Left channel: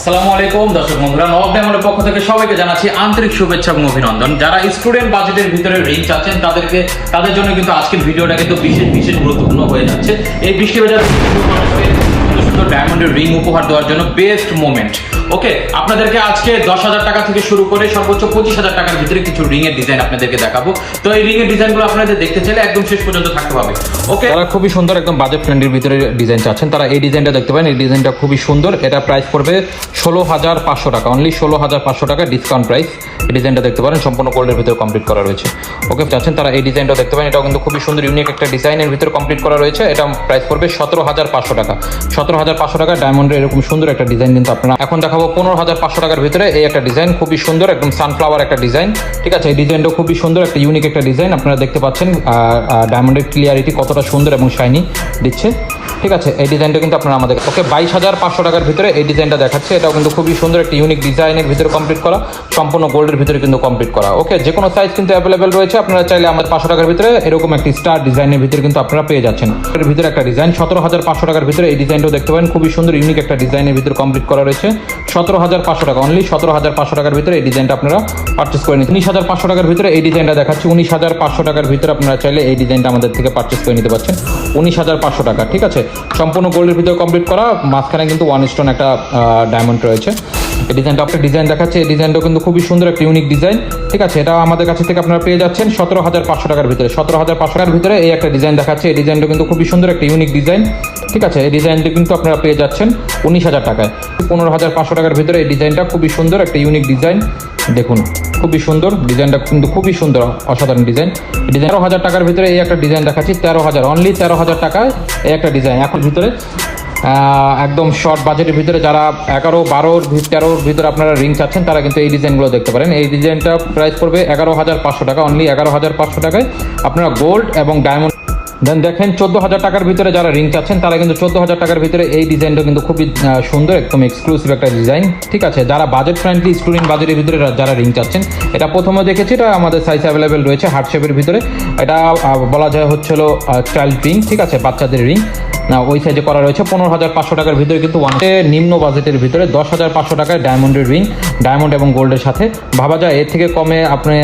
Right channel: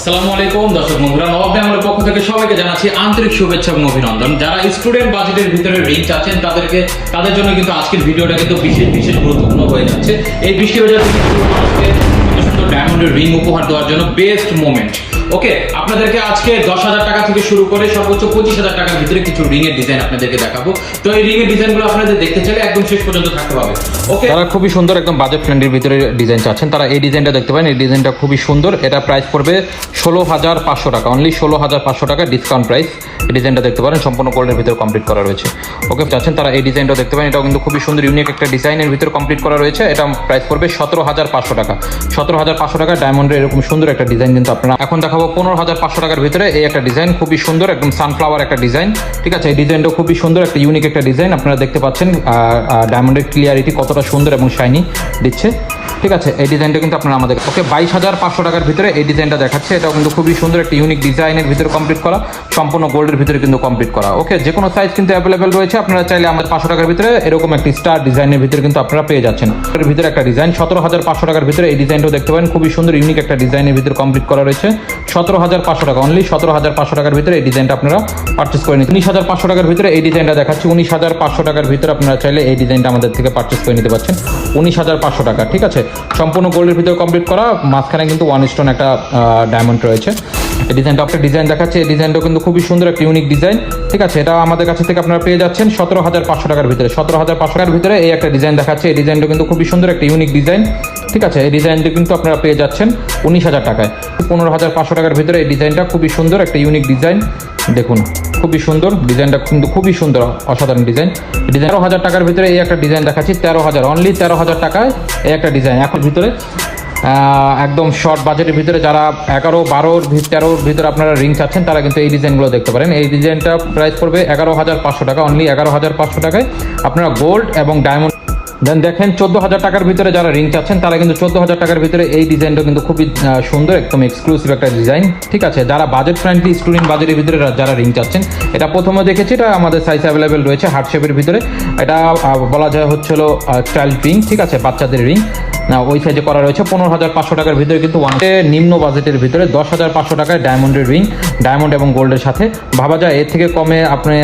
আসসালামু আলাইকুম। দর্শক বন্ধুরা নবাব ডায়মন্ডের পক্ষ থেকে সবাইকে জানাচ্ছি আন্তরিক শুভেচ্ছা এবং অভিনন্দন। যারা স্টুডেন্ট বাজেটের ভিতরে রিং আছেন, তাদেরকে, তাদের জন্য কিন্তু আজকের ভিডিওটা কিন্তু বিশেষ বিশেষ গুরুত্বপূর্ণ হয়ে যাচ্ছে। এই বৃষ্টি বাজার ডায়মন্ডের রিং উপহার দেওয়ার জন্য বেস্ট মোমেন্ট ওকে আপনাদেরকে আজকে দশ হাজার টাকা থেকে শুরু করে সর্বোচ্চ পঁচিশ হাজার টাকার ভিতরে কিছু রিং এর ডিজাইন আপনাদেরকে দেখাবো। তো এই রিং এর ডিজাইনগুলো আপনাদের দেখতে চাইলে একদম শেষ পর্যন্ত থাকতে হবে। ওকে খুবই সুন্দর একদম বাজেট ফ্রেন্ডের ভিতরে ডিজাইন চাচ্ছেন। তারা এই ডিজাইনটা দেখতে পারেন এই ডিজাইনটা খুবই সুন্দর। এটা প্রাইস পড়বে ষোলো হাজার পাঁচশো টাকা। অনলি ষোলো হাজার পাঁচশো টাকা ডিসকাউন্ট প্রাইস এই ডিজাইনটা দেখতে পারেন সম্পূর্ণ গোল্ডের ভিতরে কমপ্লিট করা রয়েছে। ওকে চাচ্ছেন তারা এই ডিজাইনটা দেখতে পারেন। এটা কিন্তু খুবই সুন্দর ইউনিক একটা ডিজাইনের ভিতরে কমপ্লিট করা রয়েছে। এটা প্রাইস পড়বে সতেরো হাজার পাঁচশো টাকা। সতেরো হাজার পাঁচশো টাকা ডায়মন্ডের এরকম সুন্দর একটা ডিজাইন কিন্তু আপনারা এখন দেখাবো পনেরো হাজার পাঁচশো টাকার ভিতরে এই একটা ডিজাইন খুবই সুন্দর, একদম সানফ্লাওয়ার একটা ডিজাইন ঠিক আছে, এই ডিজাইনটা খুবই সুন্দর, একটা ইউনিক একটা ডিজাইন আপনারা দেখতে পাচ্ছেন ডায়মন্ডের ক্লিয়ারিটি কতটা সুন্দর এবং শাইনি দিচ্ছে। ঠিক আছে, এই ডিজাইনটা কিন্তু আপনারা আমাদের কাছে বাইশ হাজার পাঁচশো টাকার ভিতরে এই ডিজাইনটা দেখাচ্ছে। এটা কিন্তু খুবই সুন্দর, একটা ইউনিক ডিজাইনের ভিতরে কমপ্লিট করা। সম্পূর্ণ গোল্ডের ভিতরে কিন্তু কমপ্লিট করা। ওকে যে কোনো সাইজ কিন্তু অ্যাভেলেবেল রয়েছে। আপনারা চাইলে আমাদের পাঁচশো টাকার ভিতরে এরকম একটি স্টার ডিজাইনের ভিতরে কিন্তু আপনারা পেয়ে যাচ্ছেন। এর ভিতরে একটা ডিজাইন সতেরো হাজার পাঁচশো টাকার ভিতরে এই ডিজাইনটাও দেখতে পাবেন খুবই সুন্দর ইউনিক একটা ডিজাইনের ভিতরে কমপ্লিট করা রয়েছে। সতেরো হাজার পাঁচশো টাকা অনলি সতেরো হাজার পাঁচশো টাকার ভিতরে এই ডিজাইনটা আপনারা পার্চেস করে নিতে উনিশ হাজার পাঁচশো টাকার ভিতরে এই ডিজাইনটা দেখাচ্ছি। উনিশ হাজার পাঁচশো টাকার ভিতরে আপনারা চাইলে এই ডিজাইনটা আমাদের থেকে পার্চেস করে নিতে পারছেন। উনিশ হাজার পাঁচশো টাকা, ঠিক আছে? সম্পূর্ণ গোল্ডের ভিতরে কমপ্লিট করা, মাঝখানে কিন্তু ওয়ান স্টোন একটা ডায়মন্ড রয়েছে। এই ডিজাইনটা একটা ডিজাইন দেখাচ্ছে। এই ডিজাইনটা কিন্তু খুবই সুন্দর, একটা ইউনিক ডিজাইন ঠিক আছে এটা আমাদের কাছে থেকে আপনারা পেয়ে যাচ্ছেন সতেরো হাজার পাঁচশো টাকার ভিতরে। সতেরো হাজার পাঁচশো টাকার ভিতরে এই একটা ডিজাইন দেখাচ্ছে। এই ডিজাইনটা কিন্তু খুবই সুন্দর, একটা ইউনিক ডিজাইন ঠিক আছে, এই ডিজাইনটা কিন্তু আপনারা পেয়ে যাচ্ছেন উনিশ হাজার টাকায়। পনেরো হাজার পাঁচশো টাকার ভিতরে এই ডিজাইনটা খুবই সুন্দর, একটা ইউনিক ডিজাইন দেখুন, খুবই সুন্দর ডিজাইনটা কিন্তু খুবই সুন্দর, অসাধারণ ডিজাইন ডিজাইন হাজার টাকার ভিতরে এই একটা ডিজাইন দেখাচ্ছি, তেরো হাজার অনলি তেরো হাজার টাকায় এই একটা ডিজাইন একটা ভিতরে। একদম শর্ট বাজেটের ভিতরে যারা এগারো, বারো তেরোর ভিতরে আপনারা রিং চাচ্ছেন, তারা কিন্তু এই ডিজাইনগুলো দেখতে পারেন। এই ডিজাইনটা প্রাইস পড়বে এগারো হাজার পাঁচশো টাকা অনলি এগারো হাজার পাঁচশো টাকায়। আপনারা গোল্ড এবং ডায়মন্ড দেন দেখেন চোদ্দ হাজার টাকার ভিতরে যারা রিং চাচ্ছেন, তারা কিন্তু চোদ্দ হাজার টাকার ভিতরে এই ডিজাইনটা কিন্তু খুবই সুন্দর, একদম এক্সক্লুসিভ একটা ডিজাইন ঠিক আছে? যারা বাজেট ফ্রেন্ডলি স্টুডেন্ট বাজেটের ভিতরে যারা রিং চাচ্ছেন, এটা প্রথমে দেখেছি, এটা আমাদের সাইজ অ্যাভেলেবেল রয়েছে হার্ট শেপের ভিতরে। এটা বলা যায় হচ্ছে হলো চাইল্ড রিং ঠিক আছে? বাচ্চাদের রিং ওই সাইজে করা রয়েছে, পনেরো হাজার পাঁচশো টাকার ভিতরে কিন্তু নিম্ন বাজেটের ভিতরে দশ হাজার পাঁচশো টাকায় ডায়মন্ডের রিং ডায়মন্ড এবং গোল্ডের সাথে। ভাবা যায়, এর থেকে কমে আপনি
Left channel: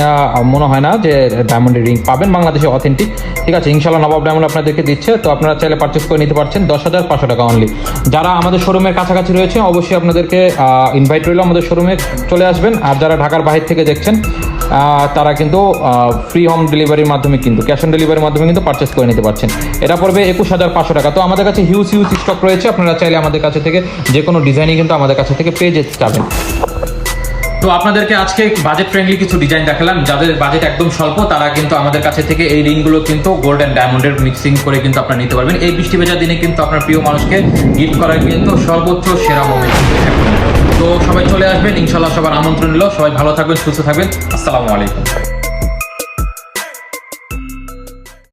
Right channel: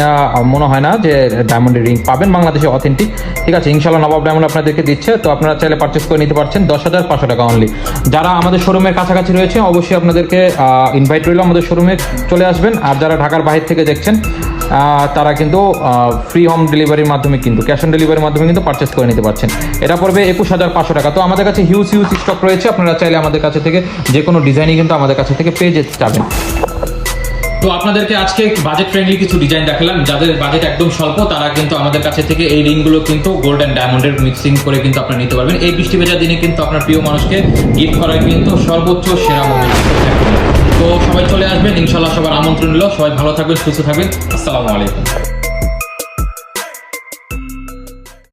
মনে হয় না যে ডায়মন্ডের রিং পাবেন। বাংলাদেশে অথেন্টিক ঠিক আছে ইনশাল্লাহ নবাব ডায়মন্ড আপনাদেরকে দিচ্ছে। তো আপনারা চাইলে পারচেস করে নিতে পারছেন দশ হাজার পাঁচশো টাকা অনলি যারা আমাদের শোরুমের কাছাকাছি রয়েছে, অবশ্যই আপনাদেরকে ইনভাইট রইল আমাদের শোরুমে চলে আসবেন। আর যারা ঢাকার বাইরে থেকে দেখছেন কিন্তু ফ্রি হোম ডেলিভারির মাধ্যমে কিন্তু ক্যাশ অন ডেলিভারির মাধ্যমে কিন্তু পারচেস করে নিতে পারছেন। এটা পড়বে একুশ হাজার পাঁচশো টাকা। তো আমাদের কাছে হিউজ হিউজ স্টক রয়েছে। আপনারা চাইলে আমাদের কাছে থেকে যে কোনো ডিজাইনই কিন্তু আমাদের কাছে থেকে পেয়ে যেতে পারবেন তো আপনাদেরকে আজকে বাজেট ফ্রেন্ডলি কিছু ডিজাইন দেখালাম। যাদের বাজেট একদম স্বল্প, তারা কিন্তু আমাদের কাছে থেকে এই রিংগুলো কিন্তু গোল্ড অ্যান্ড ডায়মন্ডের মিক্সিং করে কিন্তু আপনারা নিতে পারবেন। এই বৃষ্টি ভেজা দিনে কিন্তু আপনার প্রিয় মানুষকে গিফট করার কিন্তু সর্বোচ্চ সেরা মোমেন্ট তো সবাই চলে আসবেন। ইনশাল্লাহ সবার আমন্ত্রণ নিল। সবাই ভালো থাকবেন, সুস্থ থাকবেন। আসসালামু আলাইকুম।